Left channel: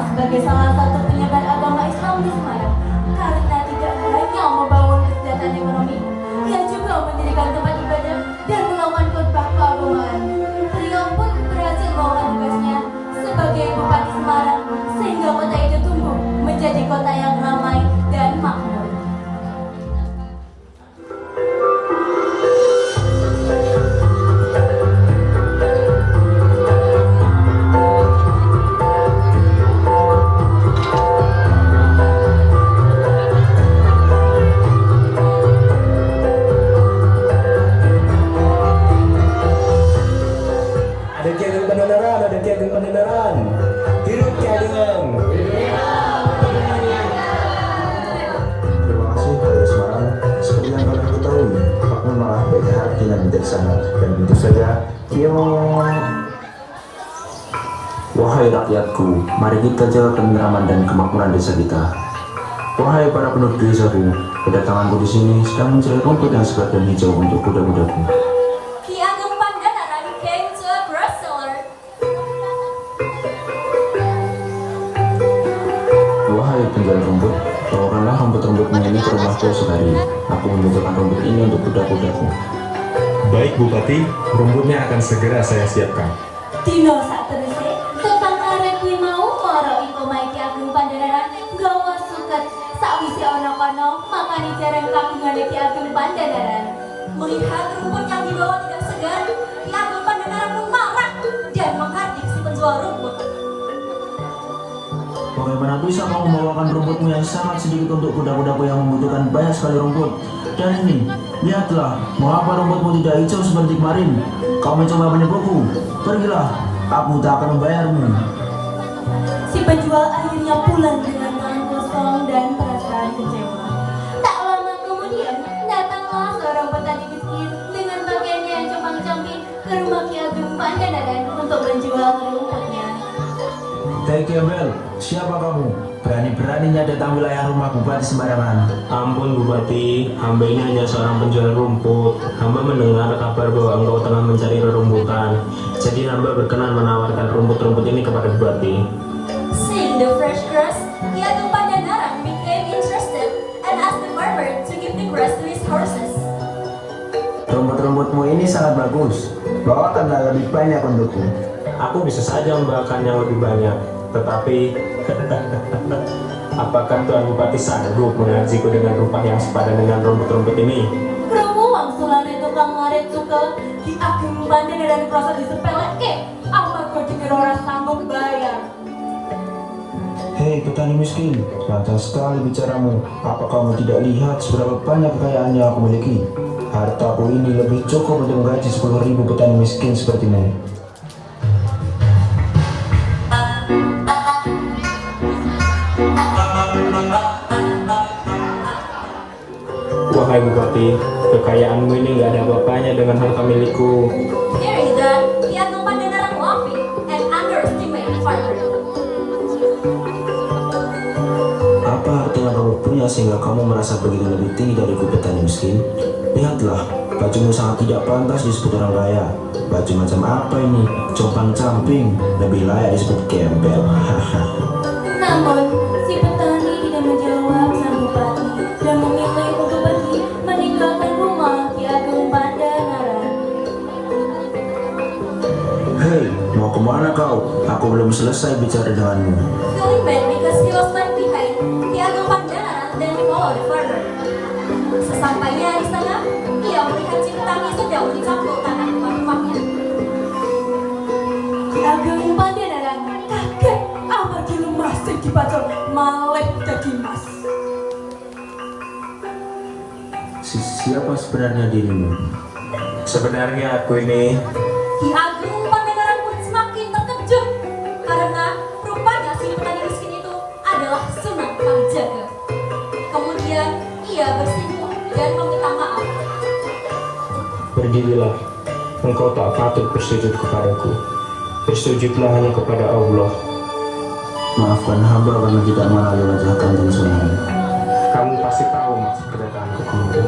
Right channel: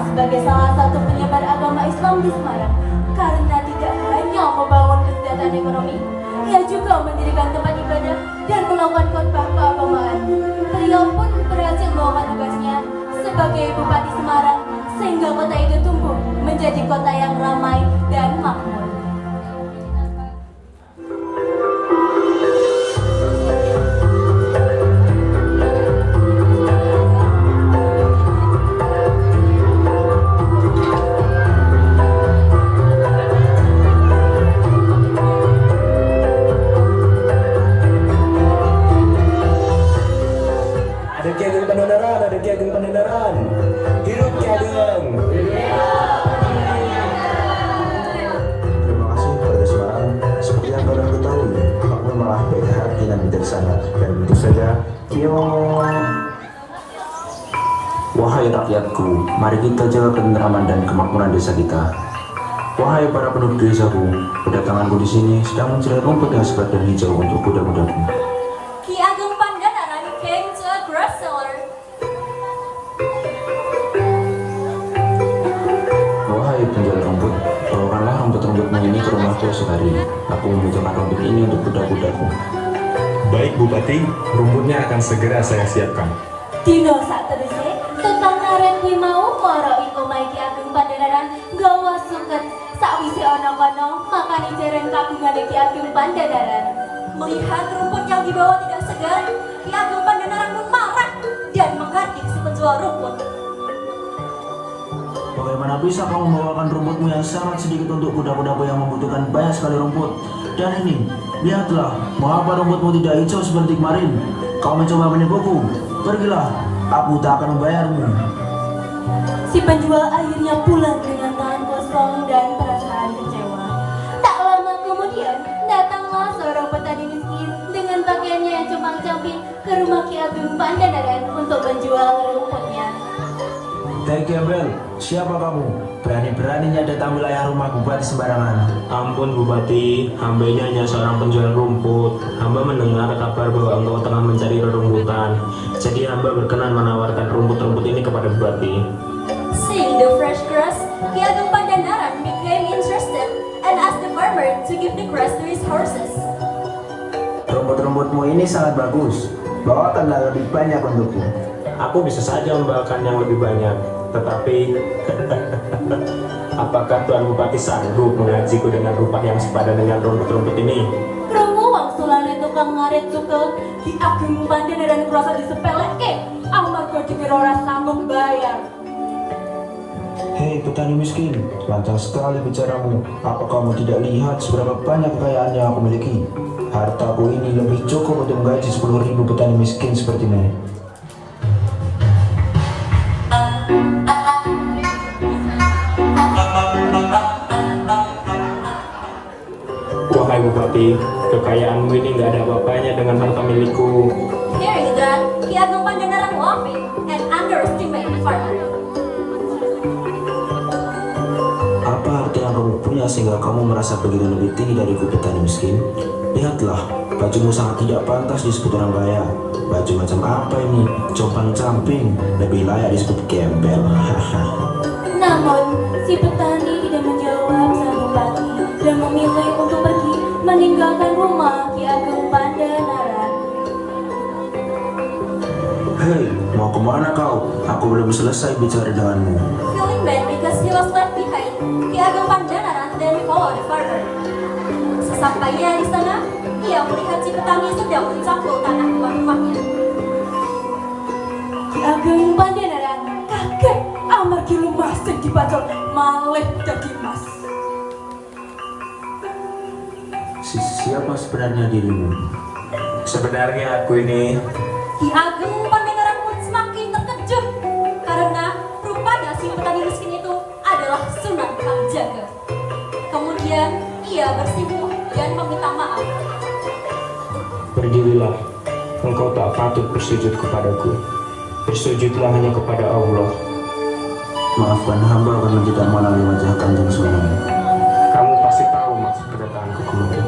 dikenal sebagai salah satu penyebar agama Islam di Semarang karena tidak hanya membangun kesejahteraan ekonomi, ia juga mendirikan tempat ibadah dan melakukan khotbah keagamaan. Beliau pun berhasil melakukan tugasnya sebagai Bupati Semarang sehingga kota itu tumbuh menjadi kota yang ramai dan makmur. Wahai rakyatku, mari kita jaga ketenteraman dan kemakmuran desa kita. Wahai para penduduk desaku, kedatanganku di sini sedang mencari rumput yang segar dan hijau untuk kuda-kudaku. Ki Ageng Pandanaran came to a grass seller. Wahai penjual rumput, bawakanlah rumput-rumputmu ini ke rumahku sekali. Aku membutuhkan rumput ini untuk kuda-kudaku. Baik Bupati, rumputnya akan segera saya siapkan. Dino saterusé tentang naren kuwi mau para itu Ki Ageng Pandanaran gawa suket sakwise ana kono makani jaran kabungane Ki Ageng Pandanaran. Melihat rumput yang dibawa tidak segar, Ki Ageng Pandanaran pun marah dan menghardik si penjual rumput. Bagaimana bisa kau membawakan rumputmu yang sangat sedikit untuk kuda-kudaku yang membutuhkan banyak sekali rumput? Dan ini, lihatlah, mengapa rumputmu tidak hijau seperti kemarin? Kau mencoba menipuku. Pergilah, aku tak akan membayarmu. Si penjual akhirnya pulang dengan tangan kosong dan perasaan kecewa. Tak lama kemudian, datanglah seorang petani miskin dengan pakaiannya yang compang-camping ke rumah Ki Ageng Pandanaran untuk menjual rumputnya. Hei Kebel, siapa kamu? Berani-beraninya datang wilayah rumah Bupati sembarangan. Ampun Bupati, hamba ini hanya seorang penjual rumput. Hamba mendengar kabar bahwa engkau tengah mencari rerumputan. Jadi hamba berkenan menawarkan rumput-rumput ini kepada Bupati. Seeing the fresh grass, Ki Ageng Pandanaran became interested and asked the farmer to give the grass to his horses. Rumput-rumputmu ini sangat bagus. Bawakanlah lebih banyak untukku. Aku bisa saja membawakan yang lebih banyak, tetapi apakah Tuan Bupati sanggup mengajiku dengan rupa yang sepadan dengan rumput-rumput ini? Perempuan sulare tukang ngaret suka Ki Ageng Pandanaran merasa disepelekke amarga dikira ora sanggup bayar. Hei petani miskin, lancar sekali bicaramu. Apa kamu tidak lihat seberapa banyak kekayaan yang aku miliki? Hartaku ini lebih cukup untuk menggaji 10.000 petani miskin sepertimu. Wahai Bupati, kekayaanmu ini nggak ada apa-apanya dengan harta milikku. There is that Ki Ageng Pandanaran laughing and underestimating farmer. Apa arti yang kamu punya sehingga kamu merasa begitu lebih tinggi dari petani miskin? Lihatlah, bajumu sangat tidak pantas disebut orang kaya. Baju macam apa ini? Compang-camping, lebih layak disebut gembel. Namun, si petani tidak menjawab sang bupati dan memilih untuk pergi meninggalkan rumah Ki Ageng Pandanaran. Hei, mau kemana kau? Aku belum selesai bicara denganmu. Feeling bad because he was left behind, Ki Ageng Pandanaran then followed the farmer. Sesampainya di sana, ia melihat si petani sedang mencangkuk tangan tuan rumahnya. Ki Ageng Pandanaran kaget amargi rumah sing dibajul malih dadi mas. Siapa sebenarnya dirimu? Sebenarnya aku ini Ki Ageng Pandanaran pun semakin terkejut karena rupanya si petani miskin itu adalah Sunan Kalijaga. Kemudian ia bersimpuh dan meminta maaf. Pergilah, engkau tak patut bersujud kepadaku. Bersujudlah hanya kepada Allah. Maafkan hamba kalau tidak mengenali wajah Kanjeng Sunan. Kamu pasti tahu maksud kedatanganku kemari.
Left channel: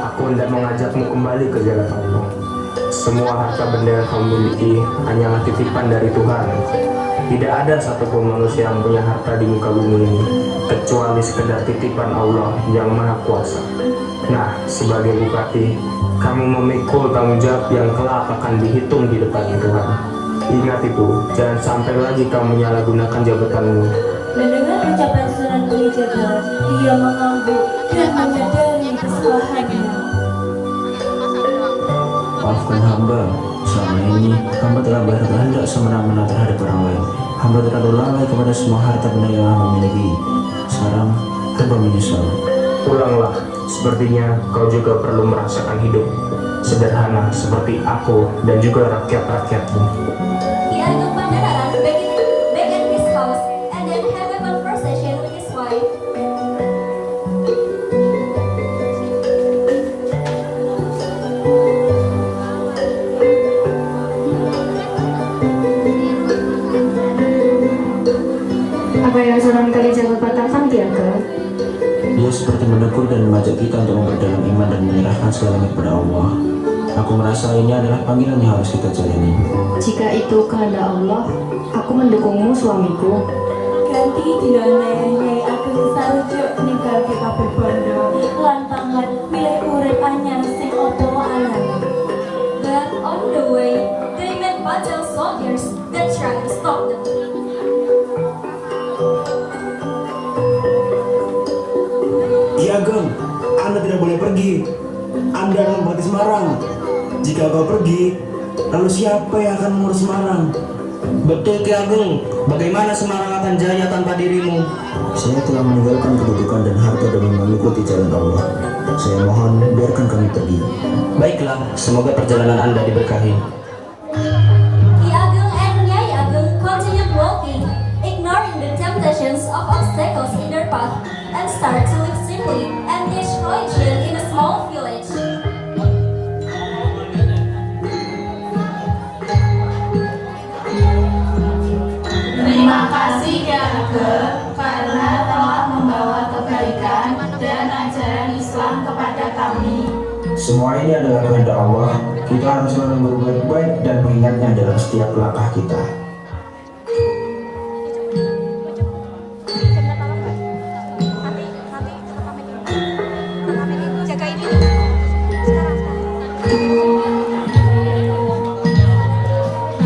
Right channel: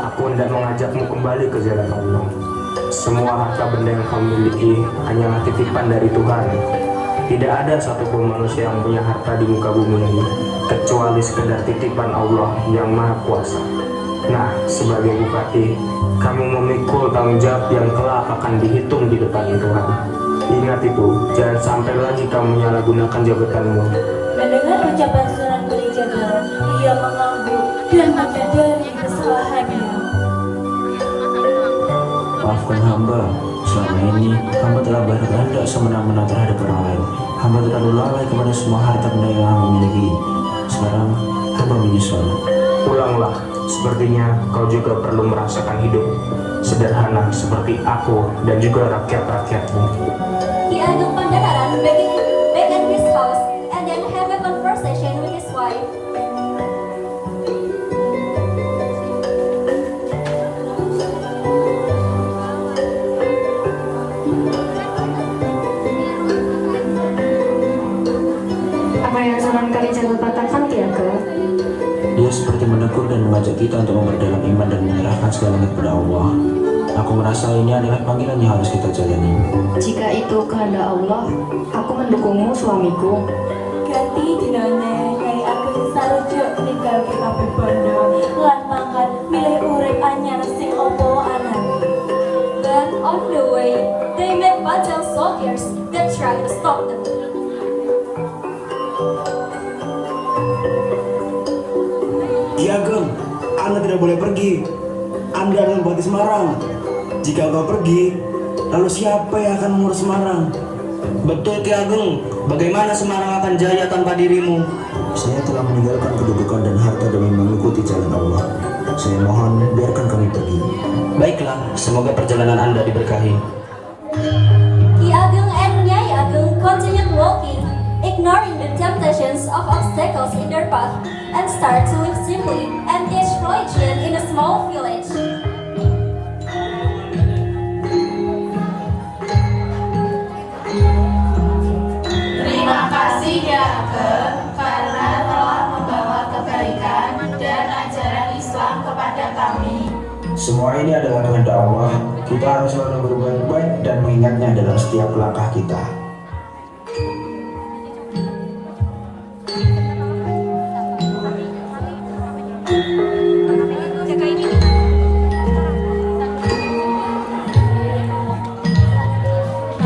Aku hendak mengajakmu kembali ke jalan Allah. Semua harta benda yang kamu miliki hanyalah titipan dari Tuhan. Tidak ada satupun manusia yang punya harta di muka bumi ini kecuali sekedar titipan Allah yang Maha Kuasa. Nah, sebagai bupati, kami memikul tanggung jawab yang kelak akan dihitung di depan Tuhan. Ingat itu, jangan sampai lagi kamu menyalahgunakan jabatanmu. Mendengar ucapan Sunan Kalijaga, ia mengambil dan menyadari kesalahannya. Maafkan hamba, selama ini hamba telah berkehendak semena-mena terhadap orang lain. Hamba terlalu lalai kepada semua harta benda yang hamba miliki. Sekarang hamba menyesal. Pulanglah, sepertinya kau juga perlu merasakan hidup sederhana seperti aku dan juga rakyat-rakyatmu. Ki Ageng Pandanaran back at his house and then have a conversation with his wife. Apa yang Sunan Kalijaga katakan tidak ke? Dia seperti menegur dan mengajak kita untuk memperdalam iman dan menyerahkan segalanya kepada Allah. Aku merasa ini adalah panggilan yang harus kita jalani. Jika itu kehendak Allah, aku mendukungmu suamiku. Ganti dinane Nyai Ageng sarujuk ninggalke kabeh bondo lan pangkat milih urip anyar sing apa alami. Then on the way, they met Bajang soldiers that tried to stop them. Ki Ageng, Anda tidak boleh pergi. Anda adalah Bupati Semarang. Jika kau pergi, lalu siapa yang akan mengurus Semarang? Betul Ki Ageng, bagaimana Semarang akan jaya tanpa dirimu? Saya telah meninggalkan kedudukan dan harta demi mengikuti jalan Allah. Saya mohon biarkan kami pergi. Baiklah, semoga perjalanan Anda diberkahi. Ki Ageng and Nyai Ageng continued walking, ignoring the temptations of obstacles in their path, and start to live simply and teach religion in a small village. Terima kasih Ki Ageng karena telah membawa kebaikan dan ajaran Islam kepada kami. Semua ini adalah kehendak Allah. Kita harus selalu berbuat baik dan mengingatnya dalam setiap langkah kita.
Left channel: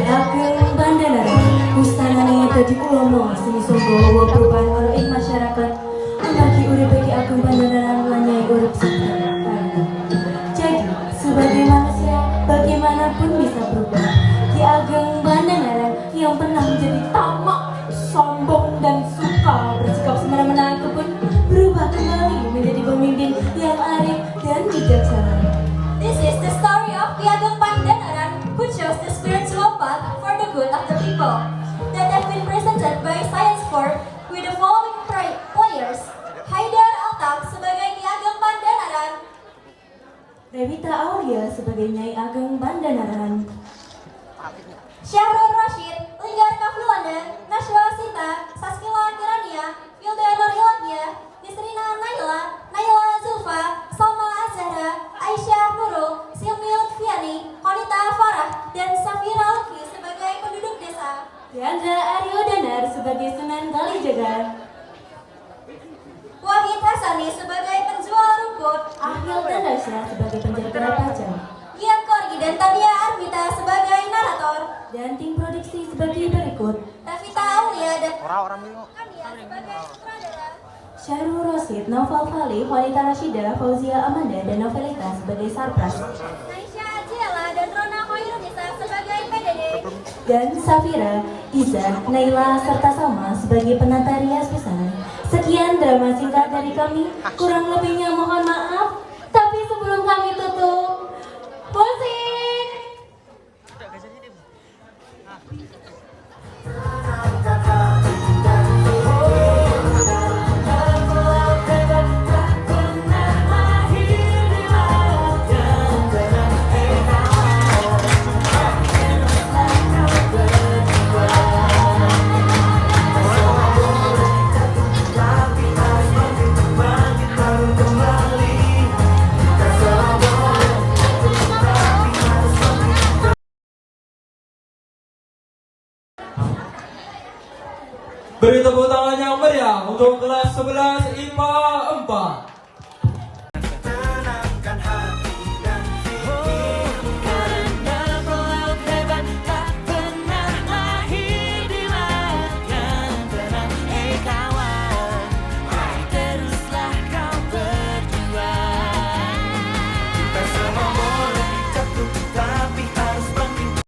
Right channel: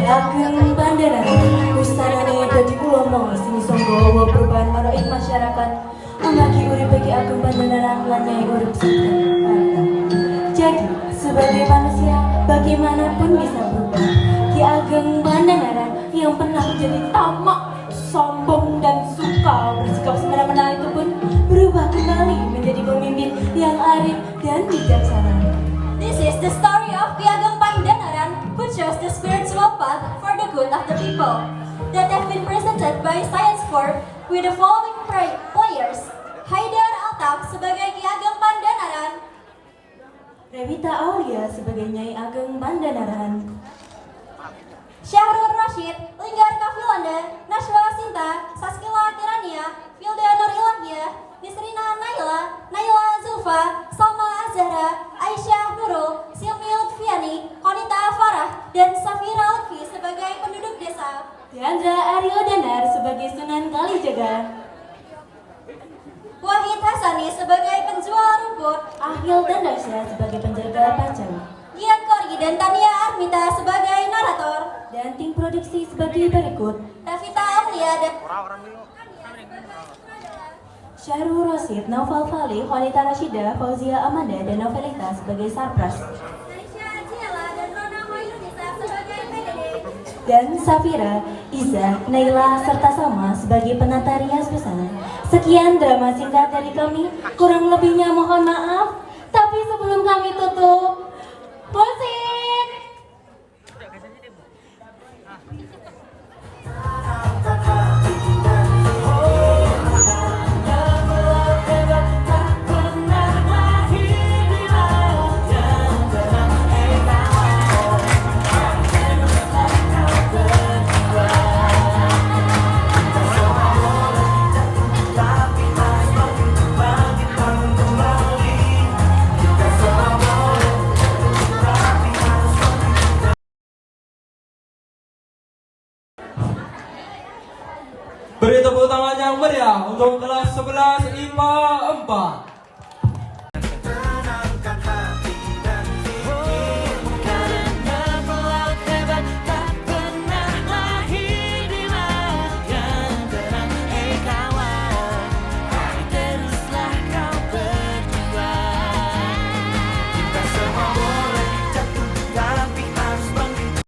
Ageng Pandanaran, ustanane dadi ulomo sing iso nggawa perubahan karo ing masyarakat. Amargi uripe Ki Ageng Pandanaran lan Nyai urip sederhana. Jadi, sebagai manusia, bagaimanapun bisa berubah. Ki Ageng Pandanaran yang pernah menjadi tamak, sombong dan suka bersikap semena-mena itu pun berubah kembali menjadi pemimpin yang arif dan bijaksana. This is the story of Ki Ageng Pandanaran who chose the spiritual path for the good of the people that have been presented by Science 4 with the following players. Haidar Altak sebagai Ki Ageng Pandanaran, Revita Aulia sebagai Nyai Ageng Pandanaran, Syahrul Rashid, Linggar Kafilanda, Nashwa Sinta, Saskila Kirania, Wildanor Ilagia, Nisrina Naila, Naila Zulfa, Salma Azhara, Aisyah Nurul, Silvi Lutfiani, Konita Farah, dan Safira Lutfi sebagai penduduk desa. Deandra Aryo Danar sebagai Sunan Kalijaga, Wahid Hasani sebagai penjual rumput, Ahil dan Rasya sebagai penjaga pajak, Gian Korgi dan Tania Armita sebagai narator, dan tim produksi sebagai berikut: Tavita Aulia dan Ania sebagai sutradara, Syahrul Rosid, Naufal Falih, Walita Rashida, Fauzia Amanda, dan Novelita sebagai Sarpras, Aisyah Ajiela dan Rona Khairunisa sebagai PDD, dan Safira, Iza, Naila, serta Salma sebagai penata rias busana. Sekian drama singkat dari kami, kurang lebihnya mohon maaf. Tapi sebelum kami tutup, musik! Kembali Beri tepuk tangan yang meriah untuk kelas 11 IPA 4.